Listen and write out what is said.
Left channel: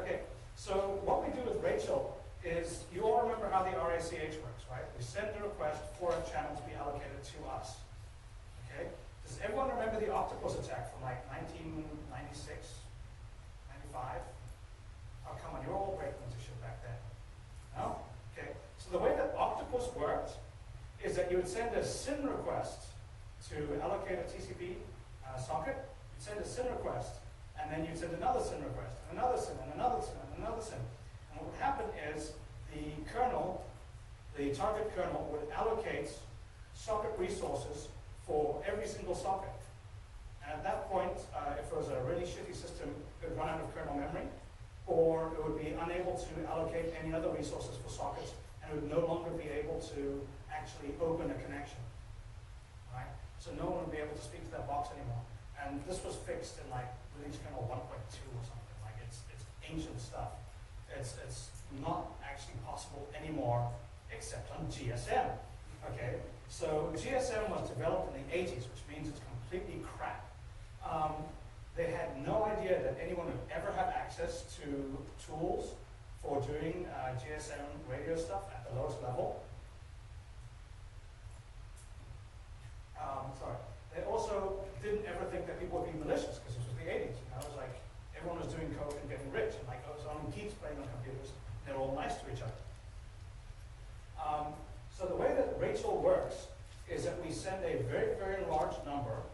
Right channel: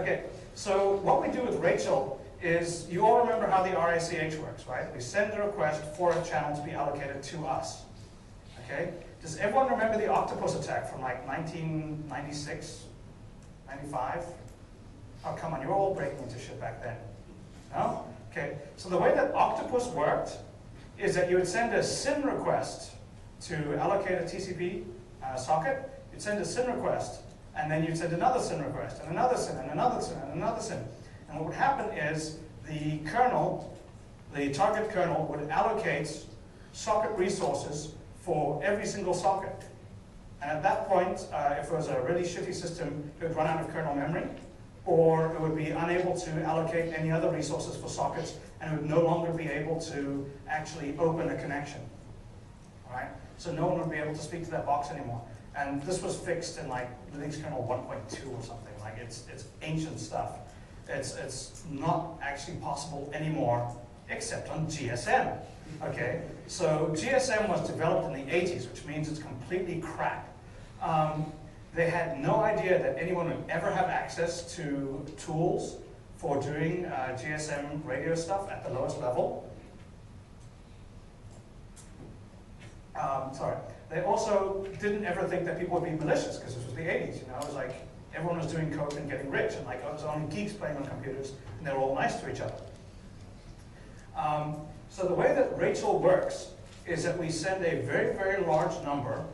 Okay, so what we do with Rachel is, you all remember how the RACH works, right? We send a request for a channel to be allocated to us. Okay? Does everyone remember the octopus attack from like 1996, 95? Oh, come on, you're all breaking into shit back then. No? Okay, so the way that octopus worked is that you would send a SYN request to allocate a TCP socket. You'd send a SYN request, and then you'd send another SYN request, and another SYN, and another SYN, and another SYN. And what would happen is the kernel, the target kernel, would allocate socket resources for every single socket. And at that point, if it was a really shitty system, it would run out of kernel memory, or it would be unable to allocate any other resources for sockets, and it would no longer be able to actually open a connection. All right? So no one would be able to speak to that box anymore. And this was fixed in like release kernel 1.2 or something. Like it's ancient stuff. It's not actually possible anymore except on GSM. Okay? So GSM was developed in the 80s, which means it's completely crap. They had no idea that anyone would ever have access to tools for doing GSM radio stuff at the lowest level. Sorry. They also didn't ever think that people would be malicious, because this was the 80s. You know, it was like everyone was doing coke and getting rich, and like it was only geeks playing on computers, and they were all nice to each other. So the way that Rachel works is that we send a very, very large number